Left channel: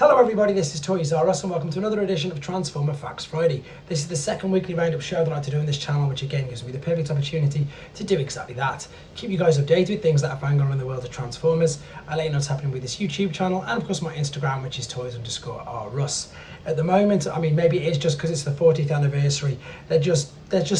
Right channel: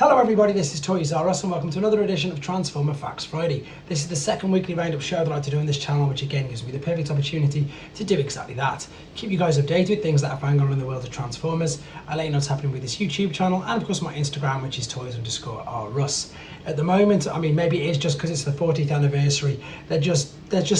Hello everybody, this is Toys R Us and welcome to another edition of Transformer Facts Friday. This is the second weekly roundup show that I like to do on this channel, which again gives me the perfect opportunity to do exactly that. Keep you guys updated with things that are going on in the world of Transformers. I let you know what's happening with this YouTube channel and of course my Instagram, which is toys_rus. At the moment, I mean, maybe it is just because it's the 40th anniversary, there just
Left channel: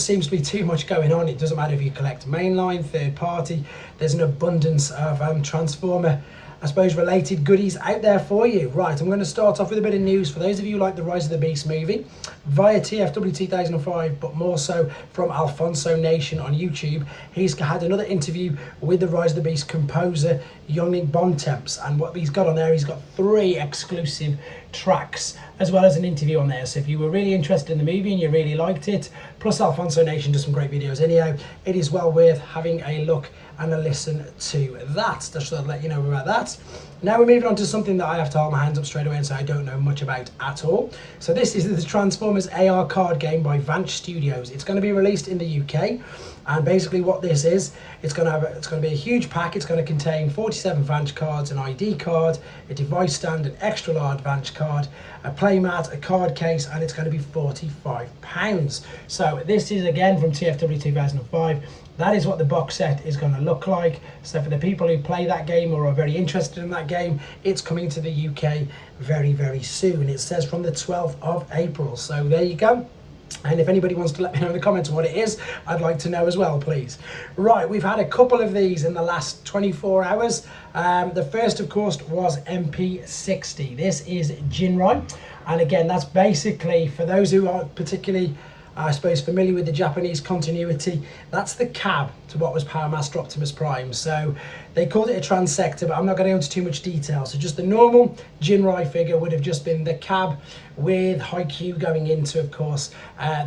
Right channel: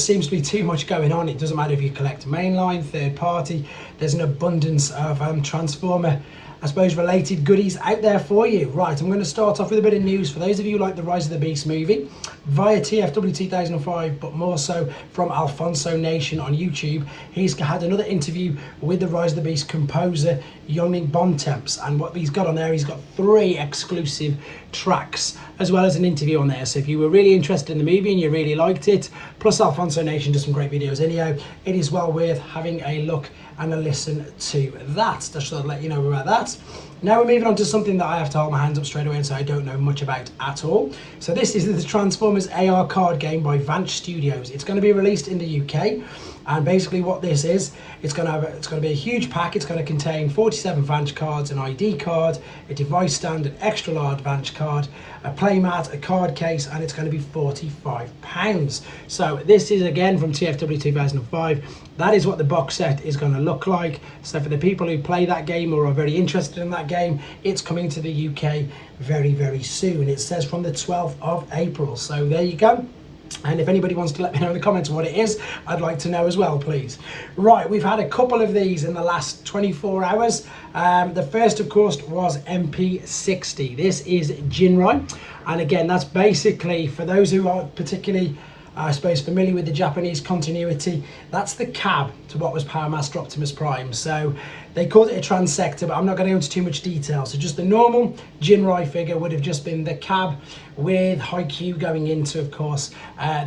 seems to be too much going on. It doesn't matter if you collect mainline, third party, there's an abundance of Transformer, I suppose, related goodies out there for you. Right, I'm going to start off with a bit of news for those of you who like the Rise of the Beast movie via TFW 2005, but more so from Alfonso Nation on YouTube. He's had another interview with the Rise of the Beast composer Youngling Bontemps, and what he's got on there, he's got 3 exclusive tracks as well as an interview on there. So if you were really interested in the movie and you really liked it, plus Alfonso Nation does some great videos anyhow, it is well worth having a look and a listen to that. Just to let you know about that. Now we're moving on to something that I have to hold my hands up straight away and say I don't know much about at all. So this is the Transformers AR card game by Vanch Studios. It's going to be released in the UK, and basically what this is, it's going to be a huge pack. It's going to contain 47 Vanch cards, an ID card, a device stand, an extra large Vanch card, a playmat, a card case, and it's going to be £45. So this is again from TFW 2005. That is what the box set is going to look like. So for the people who play that game or are very interested in that game, it's coming to the UK very, very soon. It says from the 12th of April. So there you go. And if anybody wants to let me know in the comments what it is, I'd like to know as well, please. Right, we've had a couple of these in the last 24 hours. The first, of course, was MP60. This is Jinrai. And again, that's basically, for those who aren't particularly, I suppose, familiar with the Japanese continuity, that's the cab to what was Power Master Optimus Prime. So they called it a transector, but I'm not going to go into too much detail. So just the normal Jinrai figure would have just been the cab with Haikyuu going into, of course,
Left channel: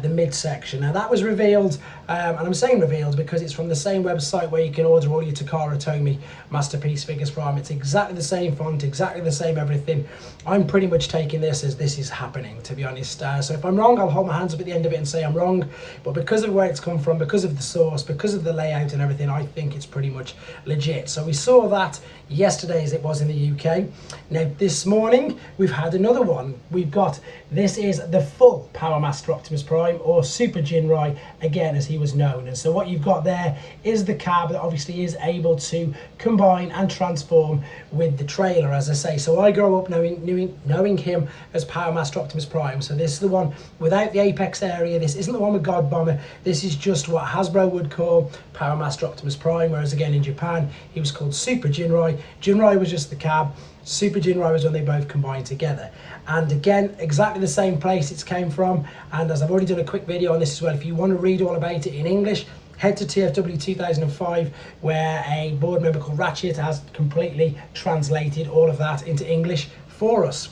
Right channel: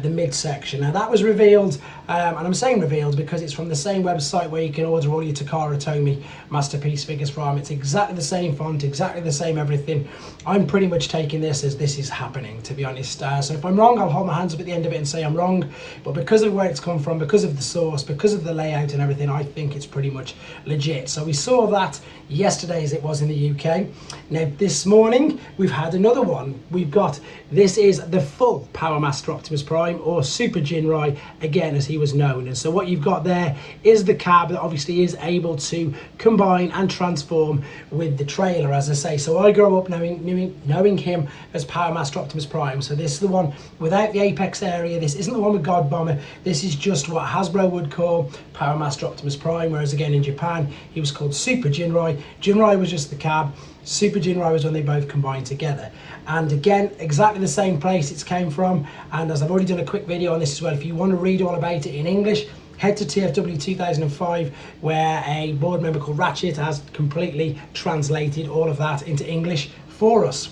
the midsection. Now that was revealed, and I'm saying revealed because it's from the same website where you can order all your Takara Tomy Masterpiece figures from. It's exactly the same font, exactly the same everything. I'm pretty much taking this as this is happening, to be honest. So if I'm wrong, I'll hold my hands up at the end of it and say I'm wrong. But because of where it's come from, because of the source, because of the layout and everything, I think it's pretty much legit. So we saw that yesterday as it was in the UK. Now this morning we've had another one. We've got, this is the full Power Master Optimus Prime, or Super Jinrai again as he was known. And so what you've got there is the cab that obviously is able to combine and transform with the trailer, as I say. So I grew up knowing him as Power Master Optimus Prime. So this is the one without the apex area. This isn't the one with God Bomber. This is just what Hasbro would call Power Master Optimus Prime, whereas again in Japan he was called Super Jinrai. Jinrai was just the cab. Super Jinrai was when they both combined together. And again, exactly the same place it's came from. And as I've already done a quick video on this as well, if you want to read all about it in English, head to TFW 2005, where a board member called Ratchet has completely translated all of that into English for us.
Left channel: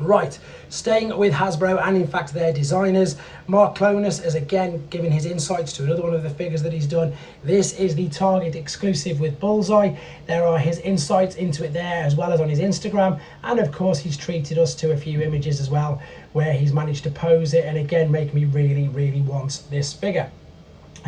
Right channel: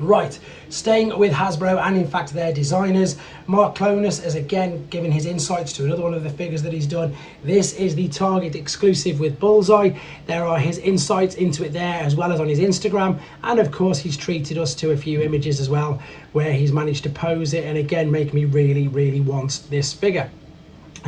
Right, staying with Hasbro and in fact their designers, Mark Clonus has again given his insights to another one of the figures that he's done. This is the Target exclusive with Bullseye. There are his insights into it there as well as on his Instagram, and of course he's treated us to a few images as well where he's managed to pose it and again make me really want this figure.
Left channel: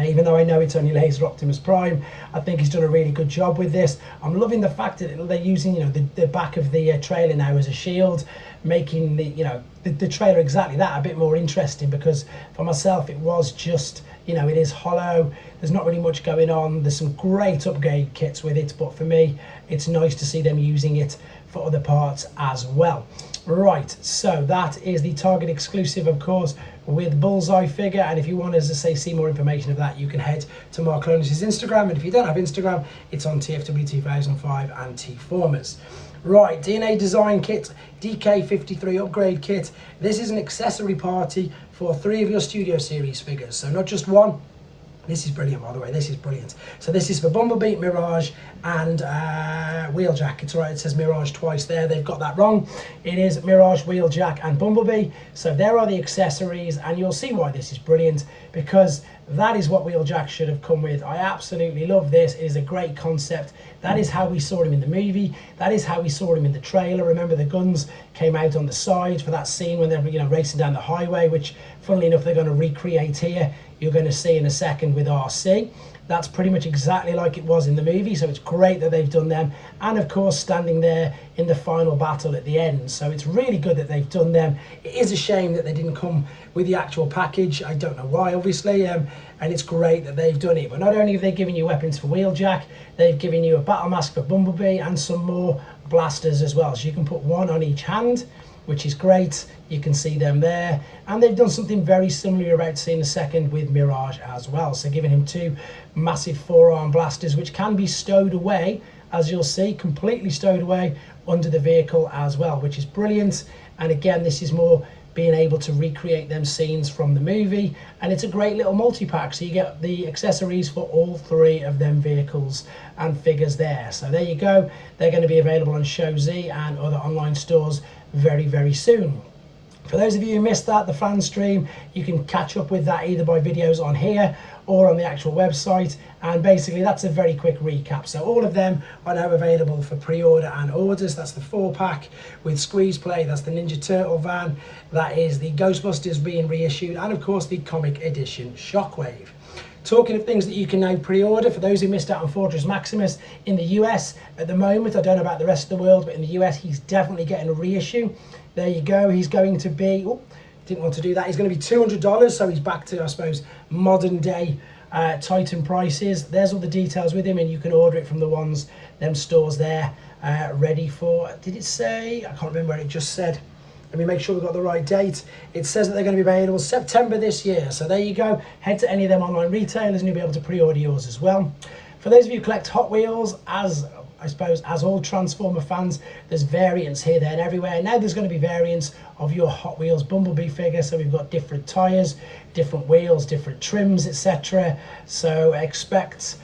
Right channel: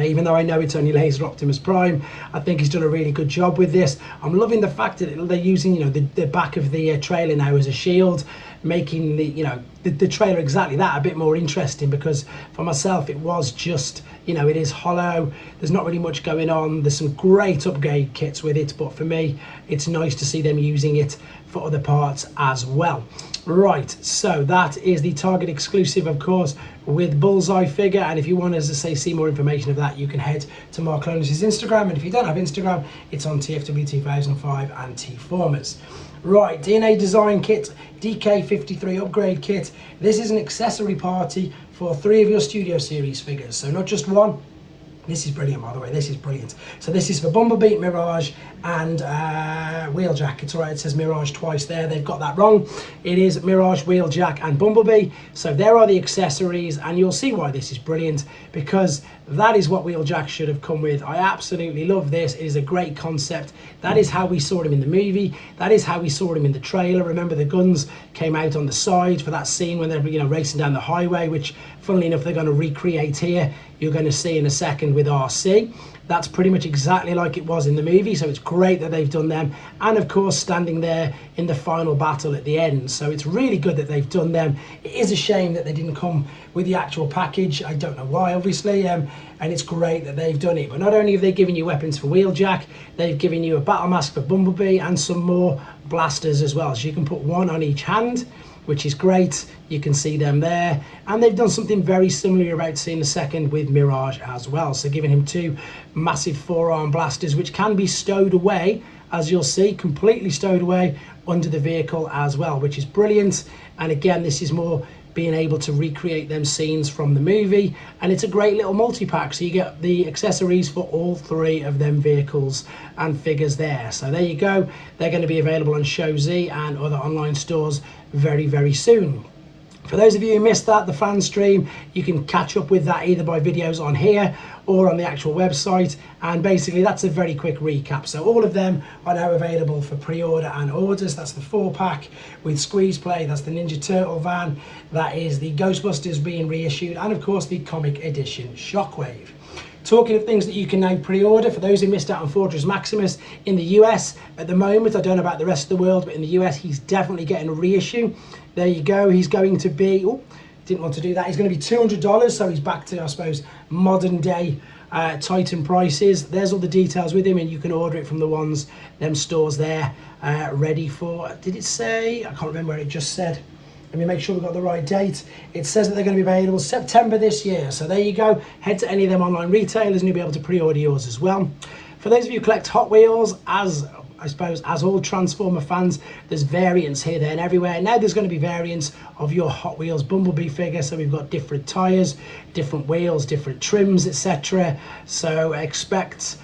Even though I know it's only Laser Optimus Prime, I think he's done a really good job with this. I'm loving the fact that they're using, the back of the trailer now as a shield, making the trailer exactly that, a bit more interesting, because for myself it was just, it is hollow, there's not really much going on. There's some great upgrade kits with it, but for me it's nice to see them using it for other parts as well. Right, so that is the Target exclusive, of course, with Bullseye figure. And if you want, as I say, see more information of that, you can head to Mark Clonus' Instagram. And if you don't have Instagram, it's on TFW 2005 and T-Formers. Right, DNA Design Kit, DK53 Upgrade Kit. This is an accessory party for 3 of your Studio Series figures. So not just one. This is brilliant, by the way. This is brilliant. So this is for Bumblebee, Mirage, and Wheeljack. It's all right, it says Mirage twice there. They've got that wrong. It is Mirage, Wheeljack, and Bumblebee. So there are the accessories, and you'll see why this is brilliant, because that is what Wheeljack should have come with. I absolutely love this. It is a great concept. That is how we saw him in the movie. That is how we saw him in the trailer. Remember, the guns came out on the side for that scene when they're racing down the highway, which Funnily enough, they're going to recreate here. You're going to see in a second with RC. That's pretty much exactly like it was in the movie, so it's great that they've done them. And of course, standing there in the final battle at the end. So it's really good that they've done them. It is a shame that they didn't come with the actual package. I don't know why, obviously, and it's great that they've done it. But not only have they given you weapons for Wheeljack, they've given you a battle mask for Bumblebee and some more blasters as well. So you can put one on each hand, which is great. You can see them there. And they've done something very similar you're about to see in a second with Mirage as well. So giving him two massive forearm blasters, which can be stowed away, as you'll see, completely stowed away under the vehicle as well, which is brilliant. And again, this is more being able to recreate them scenes from the movie. And it's a great little multi-pack. So you get the accessories for all three of them vehicles and figures there. So there you go. They're going to be available on ShowZ and other online stores very, very soon. For those of you who missed that, the fan stream, you can catch up with that either by videos on here or on the actual website. And basically that's a very quick recap. So all of them are now available for pre-order and orders. That's the 4-pack with Squeeze Play. That's the Ninja Turtle van. That is the Ghostbusters being reissued. And of course the comic edition Shockwave. Talking of things that you can now pre-order, for those who missed out on Fortress Maximus in the US at the moment, I don't know about the rest of the world, but in the US he's definitely getting a reissue. There you go. He's going to be, oh, didn't want to do that. He's going to be $200, so he's back to, I suppose, modern day Titan prices. There's all the details with him, and you can order it from the ones, them stores there, ready for, did it say? I can't remember what it just said. Let me make sure we've got the right date. It says that they're going to be available September this year. So there you go. Head to any of them online retailers and you'll be able to pre-order yours as well. For those of you who collect Hot Wheels, as I suppose, as all Transformer fans, there's variants here, there and everywhere. Now there's going to be variants of your Hot Wheels Bumblebee figure. So we've got different tyres, different wheels, different trims, etc. So expect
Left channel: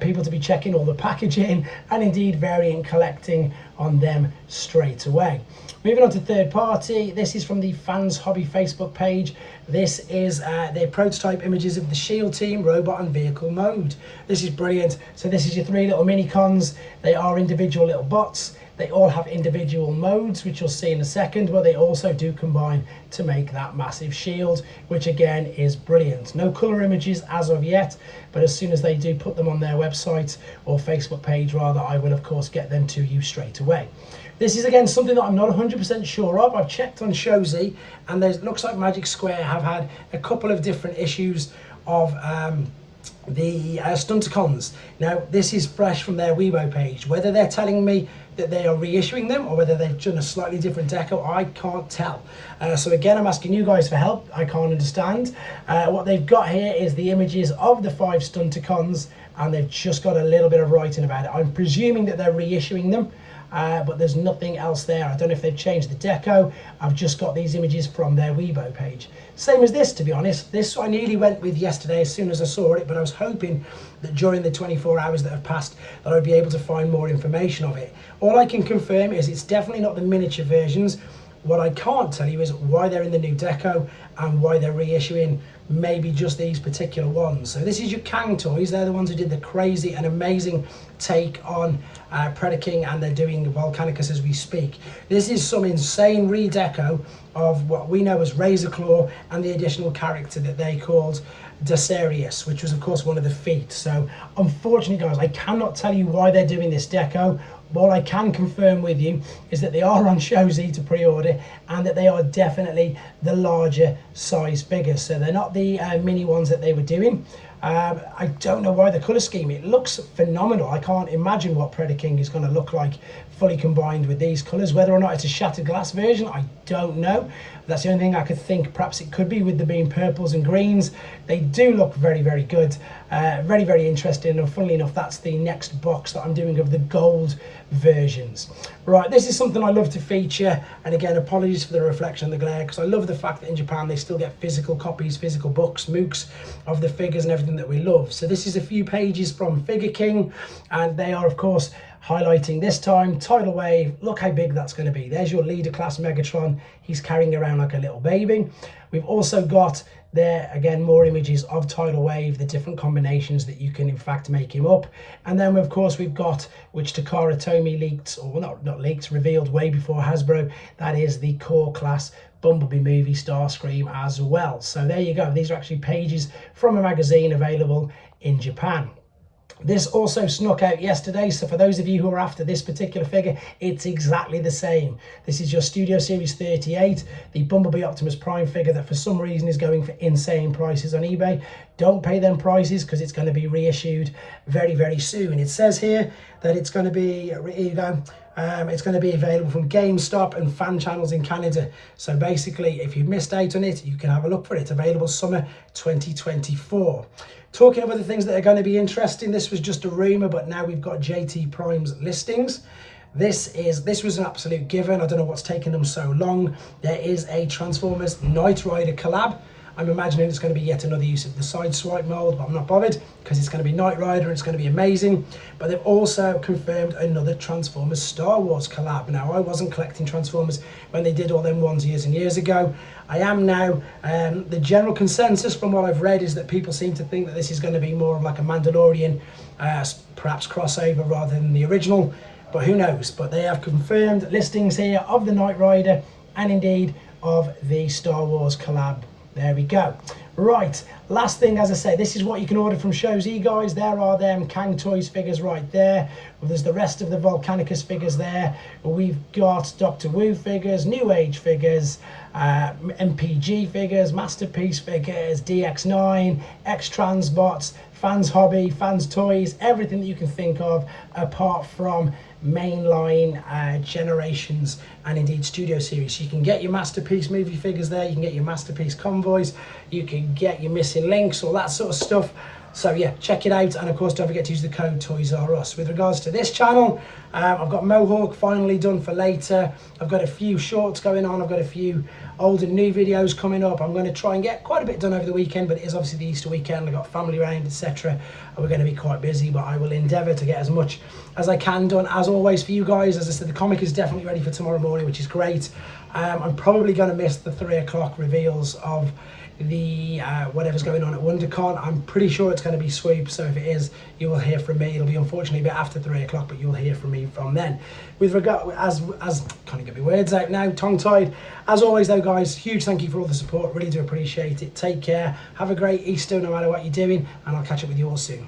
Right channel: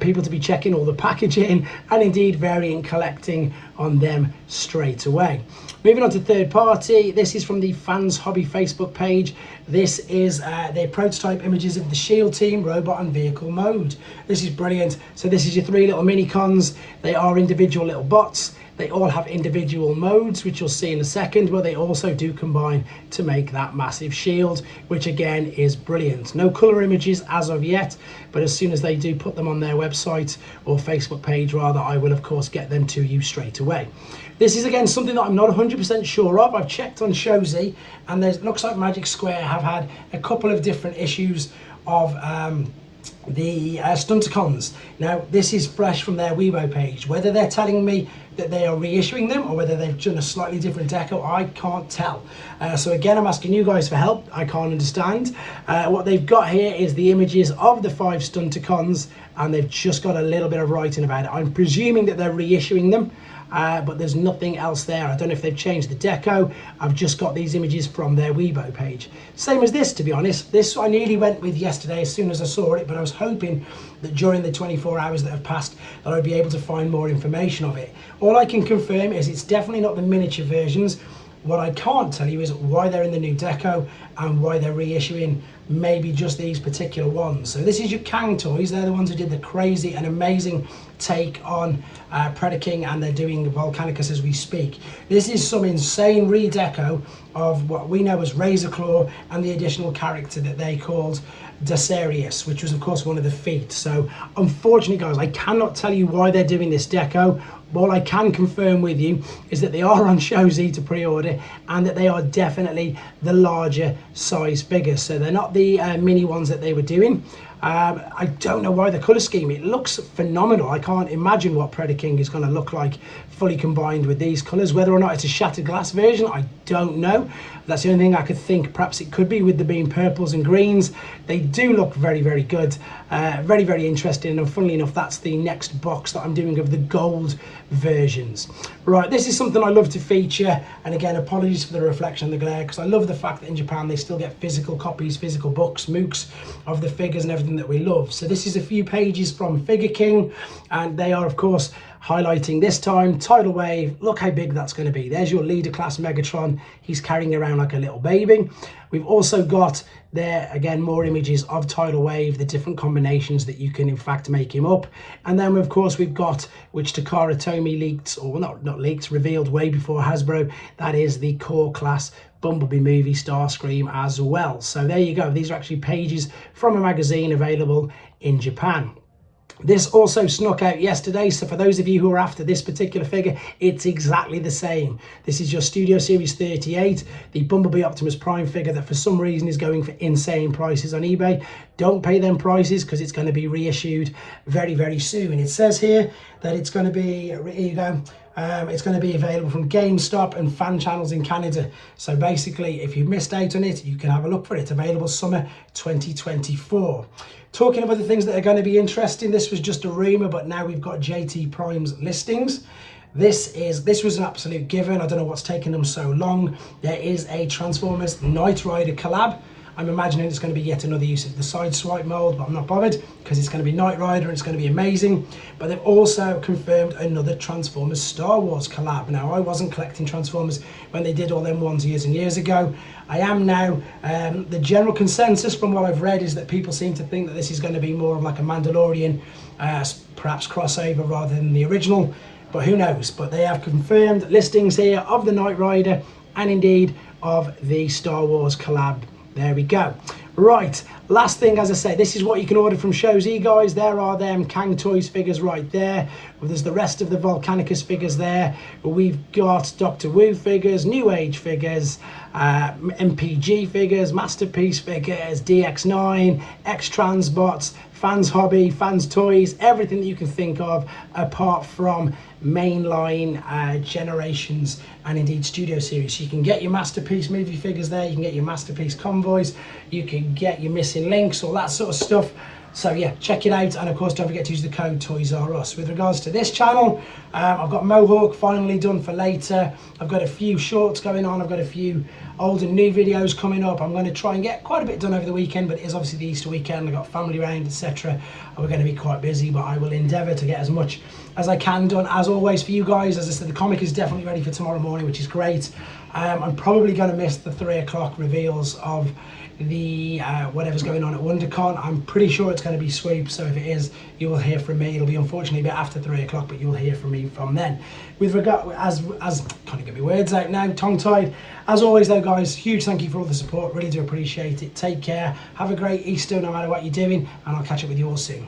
people to be checking all the packaging and indeed variant collecting on them straight away. Moving on to third party, this is from the Fans Hobby Facebook page. This is their prototype images of the SHIELD team, robot and vehicle mode. This is brilliant. So this is your three little mini-cons. They are individual little bots. They all have individual modes, which you'll see in a second, but they also do combine to make that massive shield, which again is brilliant. No colour images as of yet, but as soon as they do put them on their website, or Facebook page rather, I will of course get them to you straight away. This is again something that I'm not 100% sure of. I've checked on ShowZ, and it looks like Magic Square have had a couple of different issues of the Stunticons. Now this is fresh from their Weibo page. Whether they're telling me that they are reissuing them or whether they've done a slightly different deco, I can't tell. So again, I'm asking you guys for help. I can't understand. What they've got here is the images of the 5 Stunticons, and they've just got a little bit of writing about it. I'm presuming that they're reissuing them. But there's nothing else there. I don't know if they've changed the deco. I've just got these images from their Weibo page. Same as this, to be honest. This I nearly went with yesterday as soon as I saw it, but I was hoping that during the 24 hours that have passed that I'd be able to find more information of it. All I can confirm is it's definitely not the miniature versions. What I can't tell you is why they're in the new deco and why they're reissuing maybe just these particular ones. So this is your Cang toys. They're the ones who did the crazy and amazing take on Predaking, and they're doing Volcanicus as we speak. This is some insane redeco of what we know as Razor Claw and the additional character that they called Dacerius, which was of course one of the feet. So unfortunately guys, I cannot tell you why they're doing this deco. All I can confirm with you is that they are on ShowZ to pre-order, and that they are definitely the larger size figures. So they're not the mini ones that they were doing. I don't know why the colour scheme, it looks phenomenal. I can't imagine what Predaking is going to look like fully combined with these colours. Whether or not it's a shattered glass version, I don't know. That's the only thing I could think. Perhaps it could be with the being purples and greens. They do look very, very good. Very, very interesting. And funnily enough, that's the next box that I'm doing of the gold versions. Right, this is something I love to feature. And again, apologies for the reflection and the glare, because I love the fact that in Japan they still get physical copies, physical books, MOOCs of the figures and everything that we love. So this is a few pages from Figure King, and they are of course highlighting this time Tidal Wave. Look how big that's going to be. There's your leader class Megatron. He's carrying around like a little baby. We've also got there again more images of Tidal Wave, the different combinations that you can in fact make him up. And then of course we've got, which Takara Tomy leaked, or not leaked, revealed way before Hasbro, that is the core class Bumblebee movie, Starscream as well. So there you go. These are actually pages from a magazine available in Japan. This also snuck out yesterday, so for those of you who are after this particular figure, it's exactly the same. This is your Studio Series 38, the Bumblebee Optimus Prime figure that for some reason is going for insane prices on eBay. Don't pay them prices because it's going to be reissued very, very soon. It says here that it's going to be, here you go, it's going to be available from GameStop and fan channels in Canada. So basically, if you've missed out on it, you can have a look for it. Available summer 2024. Talking about the things that are going to be interesting, this was just a rumour, but now we've got JT Prime's listings. This was an absolute given. I don't know what's taking them so long. There is a Transformers Knight Rider collab. I'm imagining it's going to be yet another use of the side swipe mold, but I'm not bothered because it's going to be Knight Rider and it's going to be amazing. But they've also confirmed another Transformers Star Wars collab. Now, I wasn't collecting Transformers when they did all them ones years and years ago. I am now. The general consensus from what I've read is that people seem to think that this is going to be more of like a Mandalorian, perhaps crossover rather than the original. But who knows? But they have confirmed listings here of the Knight Rider and indeed of the Star Wars collab. There we go. Right, last thing, as I say, this is what you can order from Shows E, guys. There are them Cang Toys figures right there. Well, there's the rest of the Volcanicus figures there. We've got Doctor Wu figures, New Age figures, MPG figures, Masterpiece figures, DX9, X-Transbots, Fans Hobby, Fans Toys, everything that you can think of apart from mainline Generations and indeed Studio Series. So you can get your Masterpiece movie figures there, you can get your Masterpiece convoys, you can get your missing links, all that sort of stuff. So yeah, check it out, and of course don't forget to use the code TOYSRUS. With regards to this channel, I've got Mohawk finally done for later. I've got a few shorts going on, I've got a few old and new videos coming up. I'm going to try and get quite a bit done over the weekend, but it is obviously the Easter weekend. I've got family round, etc. We're going to be quite busy, but I will endeavour to get as much as I can done. As always for you guys, as I said, the comic is definitely ready for tomorrow morning, which is great. I'm probably going to miss the 3 o'clock reveals of the whatever's going on at WonderCon. I'm pretty sure it's going to be Swoop, so if it is, you will hear from me. It'll be unfortunately a bit after 3 o'clock, but you'll hear from me from then. With regard, as can't get my words out now, tongue-tied. As always though, guys, huge thank you for all the support. Really do appreciate it. Take care. Have a great Easter no matter what you're doing, and I'll catch up with you all soon.